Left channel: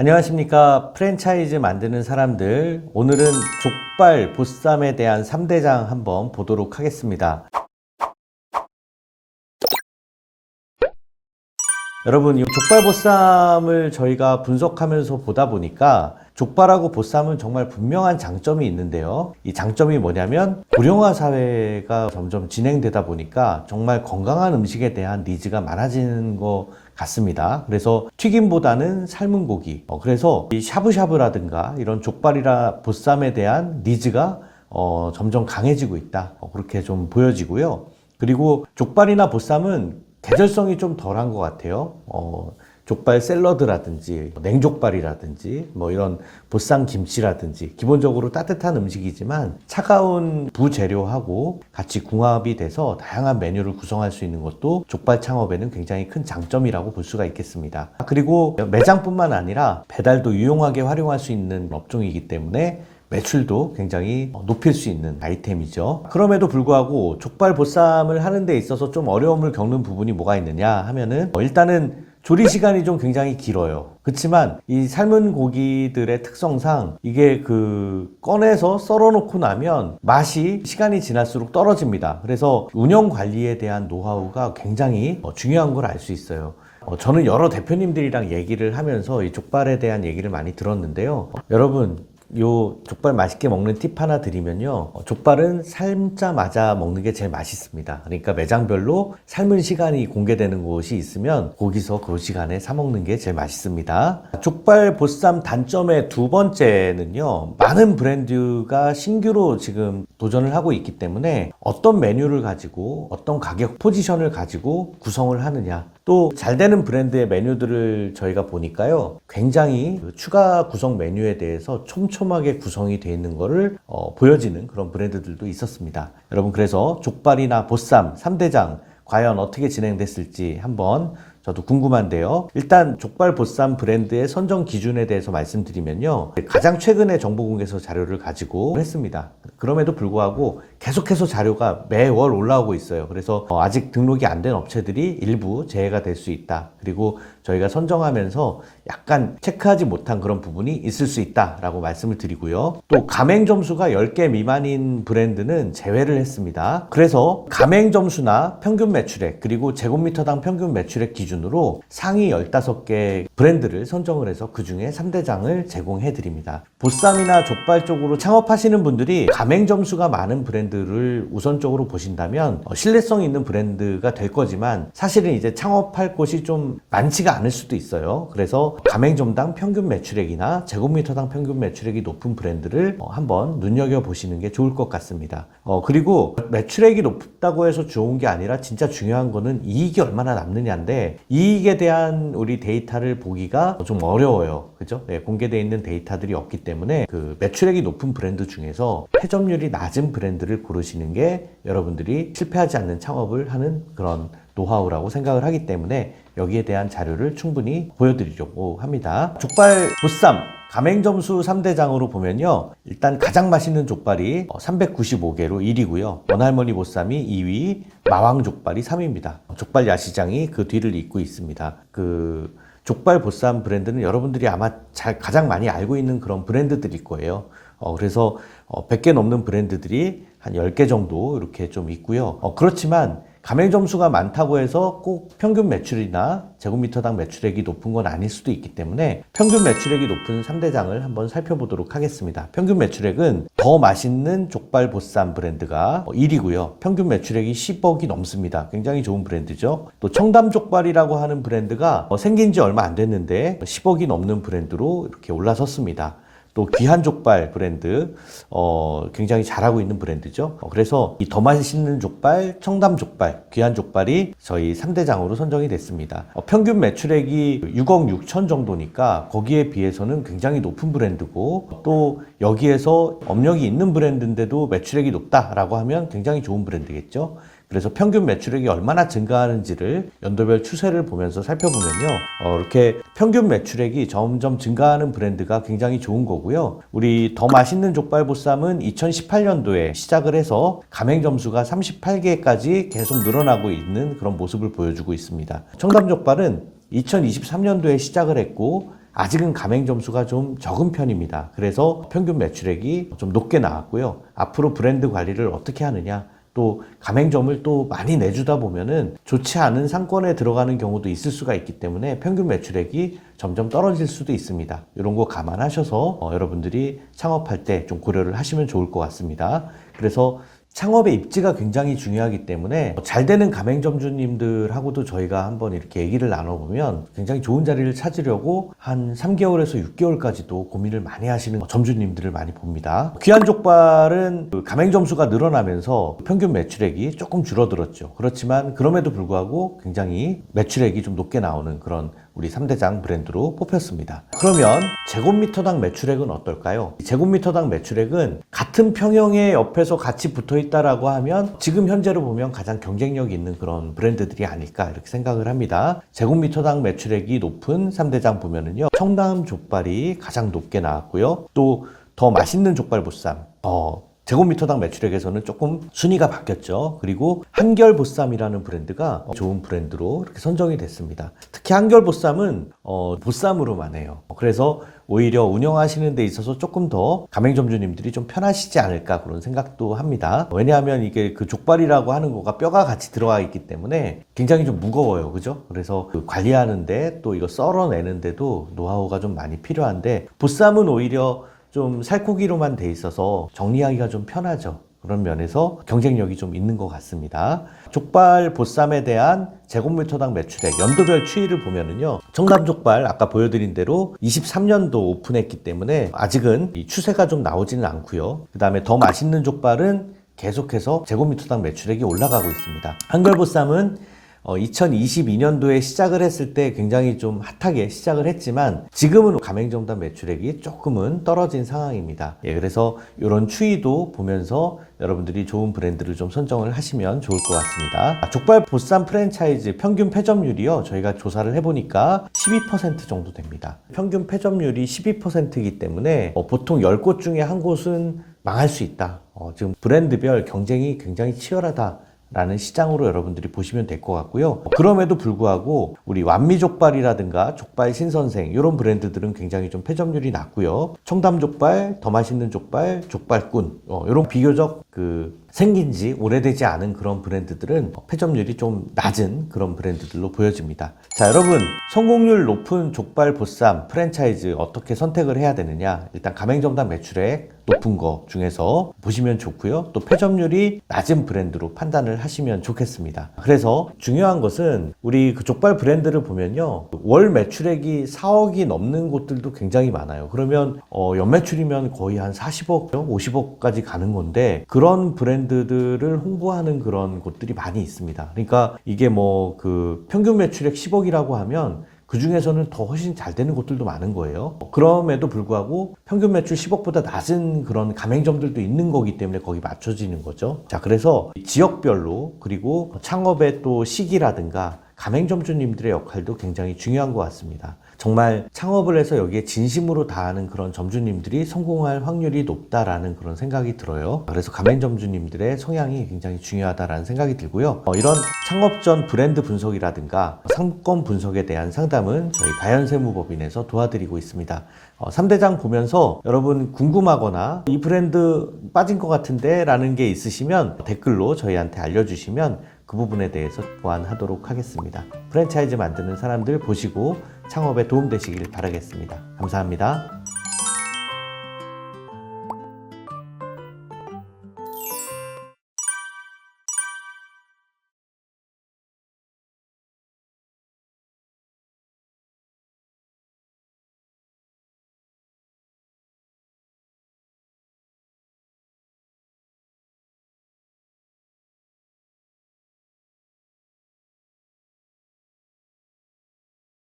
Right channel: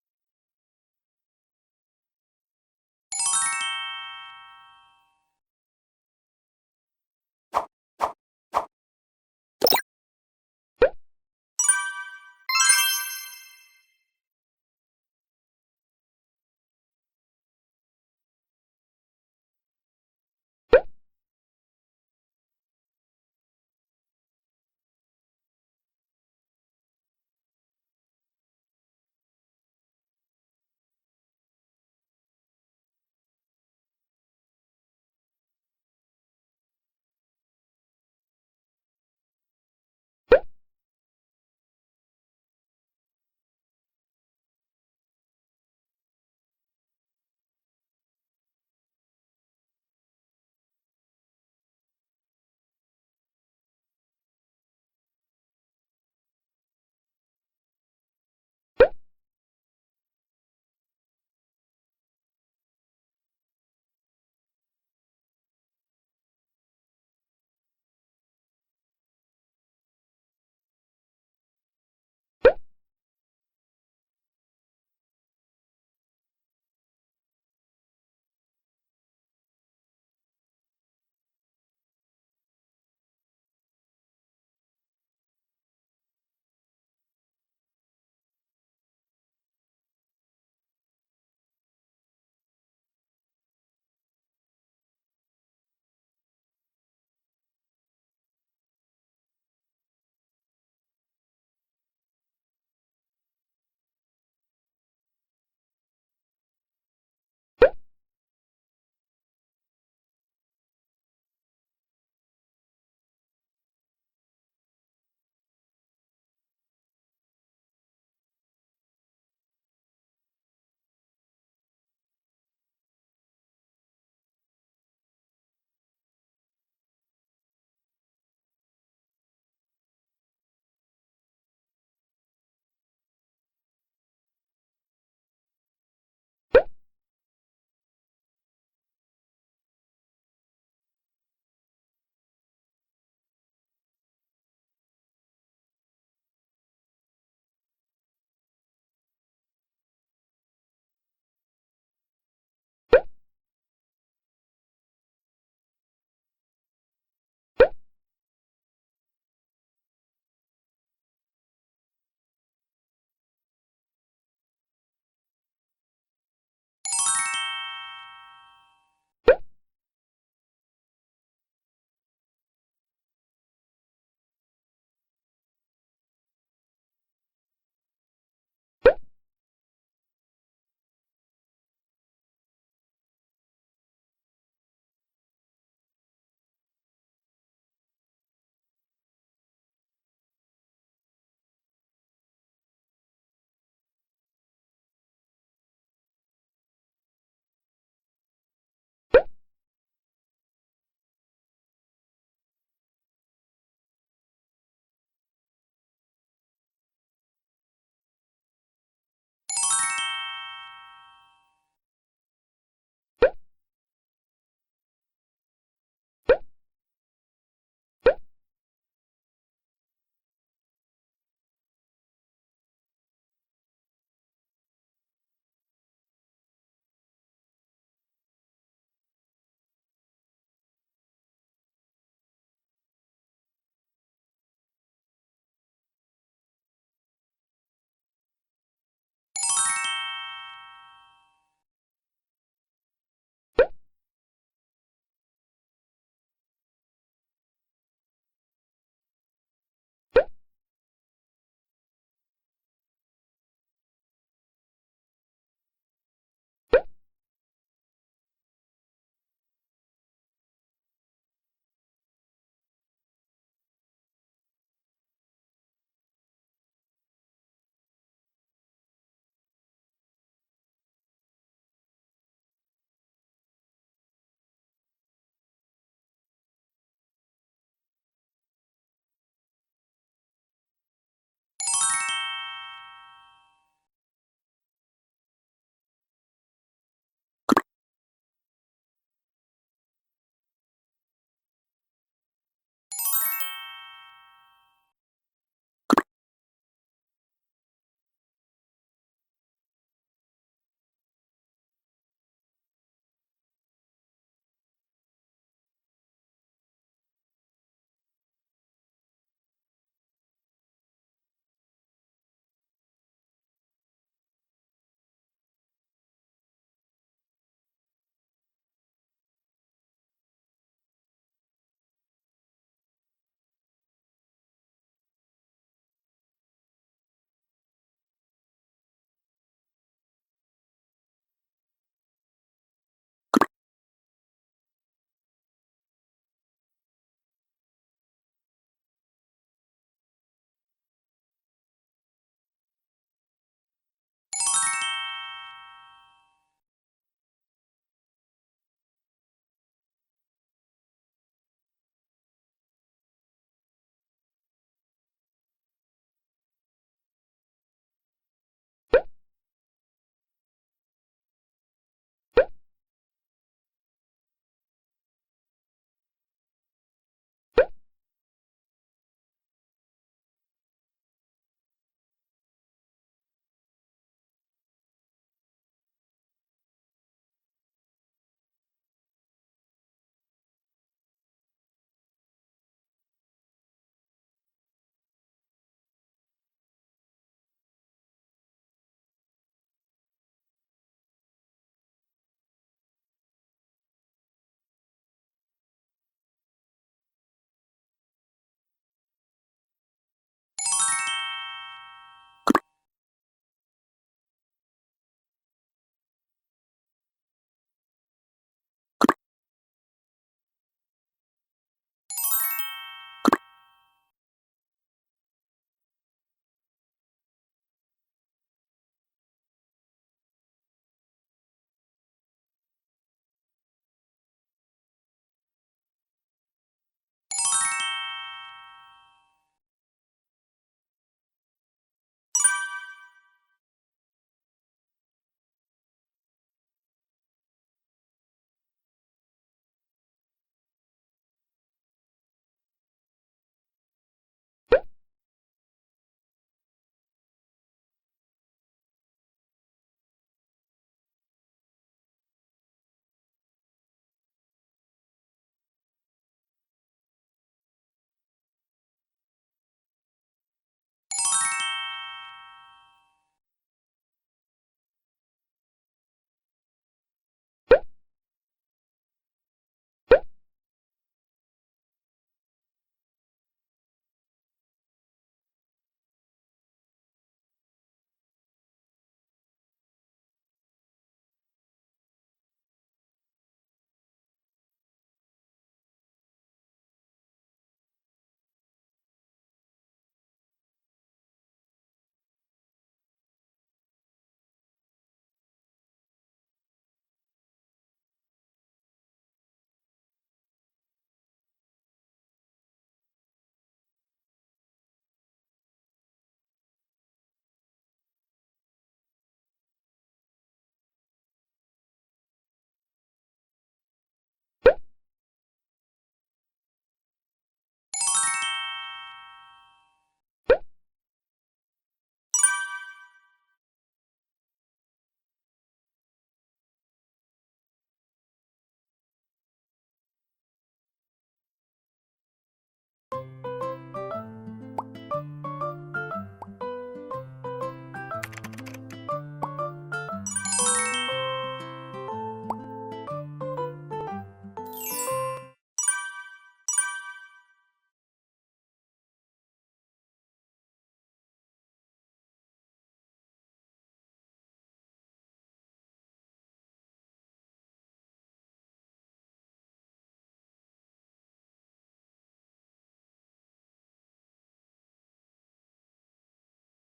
안녕하십니까. 프랜차이즈 만드는 사람들. 오늘은 족발, 보쌈에 대한 3대장 한번 보도록 하겠습니다. 여러분, 이 족발 보쌈을 저희가 분석하면서 보다 보니까 족발하고 보쌈은 정말 분명한 장점이 있는데요. 이 장점이 뭐냐면 고령화 사회가 점점 진행되다 보니까 정말 건강한 음식에 대한 니즈가 많아지는 것 같습니다. 그래서 튀김보다는 삶은 고기. 그래서 이 샤브샤브라든가 이런 족발이나 보쌈에 대한 니즈가 점점 강해지고 있다. 그렇게 좀 보여지고요. 그리고 족발이나 보쌈은 계절성이 좀 덜한 것 같아요. 족발 샐러드라든지 냉족발이라든지 뭐 이런 보쌈 김치라든지 기본적으로 따뜻한 음식이지만 차가운 부재료하고 같이 궁합이 돼서 다양한 메뉴를 구성할 수 있는 것도 족발 창업에는 굉장히 큰 장점이라고 볼 수가 있겠습니다. 그리고 매장뿐만 아니라 배달도 유용하게 활용할 수 있는 업종이기 때문에 매출도 굉장히 높일 수 있는 아이템이죠. 그럼에도 불구하고 족발 보쌈을 하는 데 있어서 좀 어려움을 겪는 부분이 뭐가 있느냐 하면은 일단은 조리 시간이 좀 굉장히 길어요. 그렇지만 이 삶은 고기들의 특성상 이게 꺼내서 썰어 놓고 나면 맛이 시간이 지날수록 떨어집니다. 그래서 운영 관리에 대한 노하우가 굉장히 중요한 걸 알 수 있어요. 저는 여러 대표님들이랑 얘기를 하면서 이 족발에 대한 얘기를 많이 들었는데요. 여러분, 요 족발 맛있게 먹는 팁 하나 드리면요. 족발은 삶자마자 먹는 게 제일 맛있습니다. 그러니까 매장별로 삶은 시간이 공개되는 곳이 있으면 거기서 그 시간에 사 먹는 게 제일 맛있습니다. 족발 보쌈 단점의 두 번째는요. 많은 브랜드가 신규로 지금 도전을 하고 있기 때문에 어떤 메뉴를 가지고 어떤 가격 포지션을 가지고 구성을 하느냐, 또 잘 되는 브랜드의 메뉴들을 저희가 보니까요, 굉장히 추가 구성 메뉴에 대해서 촘촘하게 구성이 되어 있는 것을 보여지는 그런 브랜드들도 있었습니다. 여러분, 그래서 족발이나 보쌈 3대장 과연 어떻게 진행됐을지 한번 저도 궁금한데요. 일단 족발 보쌈 브랜드의 선정 기준에 대해서 말씀드리면요, 가장 최근에 정보공개서 자료를 가지고 했습니다. 그럼에도 불구하고 계속해서 자료가 매월 올라오고 있어요. 그래서 아직 등록이 안 된 업체들이 일부 제외가 될 수 있다. 그리고 저희가 선정하면서 약간 체크하지 못한 그런 부분이 있을 수 있다라고 말씀을 드리고요. 또 가맹 점수가 10개 미만인 브랜드는 제외를 했습니다. 그래서 가맹 점수나 평균 매출액, 그리고 제곱미터당 평균 매출액 기준으로 상위 15개 브랜드를 선정을 해서 그 중에 3대장을 제공해 드립니다. 보쌈이나 족발 쪽으로 창업하시는 분들이 가맹 점수가 많은 브랜드를 우선적으로 보신다면 신뢰성 있는 브랜드가 될 거지만, 사실은 이제 창업할 곳이 좀 많지가 않을 수도 있어요. 그래서 가맹점당 평균 매출액이나 제곱미터당 평균 매출액이 높은 브랜드를 한번 눈여겨보시는 게 좋을 것 같습니다. 그리고 매출액이 높다고 해서 좋은 게 아니라 진짜 중요한 거는 이익이 얼마나 남느냐인데, 이익에 대한 우리 데이터를 보기가 좀 어려워요. 그죠? 네, 공개되어 있는 데이터들이 없기 때문에 그 매출액이 높은 브랜드 중에서 회전율이 낮은 브랜드를 고르시는 게 여러분들이 실패하지 않는 창업을 하는 그런 노하우라고 생각을 하기 때문에 여기에 대한 자료를 충분히 보여드리려고 합니다. 족발 보쌈 가맹점수 3대장으로 보면요, 일단 가장 맛있는 족발이 395개로 1위고요. 원할머니 보쌈이 2위, 마왕족발이 3위입니다. 족발 야시장이 그 뒤를 잇고 있습니다. 족발 보쌈 브랜드는 여러분들이 아마 가장 많이 알고 있는 그런 브랜드들일 거예요. 그래서 100개 넘는 브랜드들이 한 10개 정도 이렇게 좀 있고요. 그렇지만 가맹 점수가 많다고 해서 꼭 평균 매출이나 제곱미터당 매출액이 높은 건 아닐 수도 있기 때문에 평균 매출액이 높은 3대장을 한번 살펴보도록 하겠습니다. 평균 매출액은 더 맛있는 족발 보쌈 브랜드가 1위고요. 평균 매출액이 10억이 넘습니다. 굉장히 좋은 브랜드죠. 또 청담족발이라고 하는 브랜드가 생긴 지 얼마 안 됐는데 10억이 넘는 브랜드로 이렇게 올라섰습니다. 또 귀한족발 브랜드, 굉장히 잘하고 있는 브랜드죠. 그래서 이 더 맛있는 족발, 청담족발, 귀한족발이 저희 3대장으로 선정이 됐습니다. 평균 매출액이 6억 6천 정도니까 거기에 비해서는 굉장히 높은 브랜드고, 또 여기에서 업력이 있는 브랜드인데도 매출액이 높다라고 하면 굉장히 좋은 브랜드겠죠. 그래서 평균 매출액이 얼마나 증가하는지를 연도별 추세를 보면서 살펴보면요, 이렇게 평균 매출액이 점점 증가하는 브랜드가 굉장히 좋은 거고요. 우리 더 맛있는 족발보쌈은 2018년도에 시작을 해서 가맹 점수가 38개까지 계속 늘어나고 있는 그런 모습을 보여주고 있습니다. 청담족발은 2023년도에 시작을 했고 아직은 가맹 점수가 좀 적은 편입니다. 그래서 평균 매출액이 좀 높게 나왔고요. 앞으로 브랜드 관리를 어떻게 하느냐, 또 가맹점을 또 많이 내주다 보면은 좋지 않은 상권에 들어가는 경우도 있을 수가 있기 때문에 평균 매출액이 점점 떨어질 수도 있습니다. 이런 거 감안하셔서 여러분들이 창업할 때 좀 고려를 하시면 좋을 것 같습니다. 그래서 창업의 입지가 굉장히 중요하기 때문에 잘 되는 가맹점주님들하고도 저희가 한번 이렇게 얘기를 나눠보면 굉장히 좋은 자리를 찾으려고 한 3개월에서 6개월까지도 고민을 많이 하시는 점주님들을 많이 봅니다. 귀한 족발은 가맹점수가 늘어나면서 평균 매출액이 조금 줄어들었죠. 그렇지만 그럼에도 불구하고 굉장히 매출액이 좀 높게 나오는 그런 우리 3대장 브랜드로 뽑혔습니다. 그러면 제곱미터당 매출액은 어떨까요? 제곱미터당 매출액은 같은 평형의 옆에서 같이 붙어 있다라고 하면 지금 현재로 보면 가장 경쟁력 있는 그런 브랜드들이 아닐까 이렇게 생각을 합니다. 제곱미터당 매출액이 높은 3대장 보면은요, 청담 족발이 가장 높게 나왔고요. 또 더 맛있는 족발 보쌈, 제곱미터당 매출액에서는 조금 순위가 바뀌었죠. 그리고 한결보쌈이라는 브랜드가 좋은 브랜드로 이렇게 선정이 됐습니다. 특히 한결보쌈은 보쌈으로만 해요. 그래서 오히려 운영하시는 데 있어서 조금 더 가맹점주님들이 좀 편하시지 않을까 그런 생각도 합니다. 왜냐하면 이게 그 족발이라고 하는 거가 뼈가 같이 들어가 있기 때문에 굉장히 좀 무거워요. 그죠? 그래서 그 관리하는데 또 이거 썰어내는데도 노하우가 좀 많이 필요한데, 보쌈은 오히려 좀 살코기로만 돼 있어서 정리하기가 좀 편하죠. 그런 면에서 경쟁력이 좀 있는 것 같습니다. 족발 보쌈에 대한 제곱미터당 매출액 연도별 추이를 보면은요, 청담족발 아까 보여드린 대로 23년도 오픈했기 때문에 아직은 이 추세가 좀 나오지는 않고요. 그 다음에 더 맛있는 족발은 계속해서 제곱미터당 매출액이 올라가고 있습니다. 한결보쌈은 2022년도에 시작을 했을 때 굉장히 좀 핫하게 시작을 했지만 지금은 가맹점당 매출액이 조금은 떨어진 상황입니다. 그래서 이런 추이도 보면서 여러분들이 좋은 브랜드를 좀 선정을 하시면 좋을 것 같습니다. 족발 보쌈 프랜차이즈 평균 패점률이요, 저희가 조사를 해보니까 12% 정도 됩니다. 평균 패점률이 12%이기 때문에 보통 10곳 중에 한 곳은 망할 수 있다. 지금 브랜드별 경쟁이 굉장히 치열하다 라는 시장으로 여러분들이 보시면 될 것 같고요. 그럼에도 불구하고 우리 완미족발이라든가 족발 신선생 이런 브랜드들은 굉장히 좀 패점률이 낮고요. 청담족발, 더 맛있는 족발, 족발꾼 이런 비교적 생긴 지 오래되지 않은 그런 브랜드들은 패점률이 좀 낮은 그런 브랜드들로 보여집니다. 자, 여러분, 성공률 높은 족발 보쌈 프랜차이즈 어떻게 선택을 해야 되느냐, 일단 가맹점당 매출액 높은 거 중에서 보시면 좋고요. 또 패점률이 낮은 브랜드로 판단을 하시면 좋겠습니다. 그래서 중요한 것은 우리 그 족발 브랜드를 보면요, 월 매출액이 4억이 넘는 곳들도 굉장히 많아요. 그러면 연매출이면 거의 한 40억, 50억까지 가는 건데 그런 브랜드들을 홍보하는 그런 곳들이 많이 있습니다. 그러니까 이게 평균 매출액 10억이라고 하면 그 중에서는 더 훨씬 잘 되는 곳들도 많은 거예요. 그럼에도 불구하고 평균 매출 10억보다 낮은 그런 가맹점들도 있는 거기 때문에 거기 맞춰지는 거죠. 자, 그래서 지역별로 그리고 창업의 또 시기라든가 가맹점주님들의 역할도 굉장히 중요한 것 같습니다. 정말 창업을 해서 여기에 진심으로 다하는 그런 점주님들이 성공할 확률이 높다라는 그런 생각이 들어요. 그래서 가맹점주님들의 성향이 굉장히 중요하다라는 생각이 들고요. 이런 창업 전 브랜드 분석이라든가 상권 분석에 대한 상담은 저희 다현세무법인에서 도와드리고 있습니다. 3대장 보면서 여러분 궁금하거나 이 브랜드 빠진 것 같은데 라는 게 있으시면 댓글로 저희한테 알려주시면 그 부분에 대해서 보완하도록 하겠습니다. 프랜차이즈 만드는 사람들 보시고 창업에 도움되시길 바라겠습니다. 감사합니다.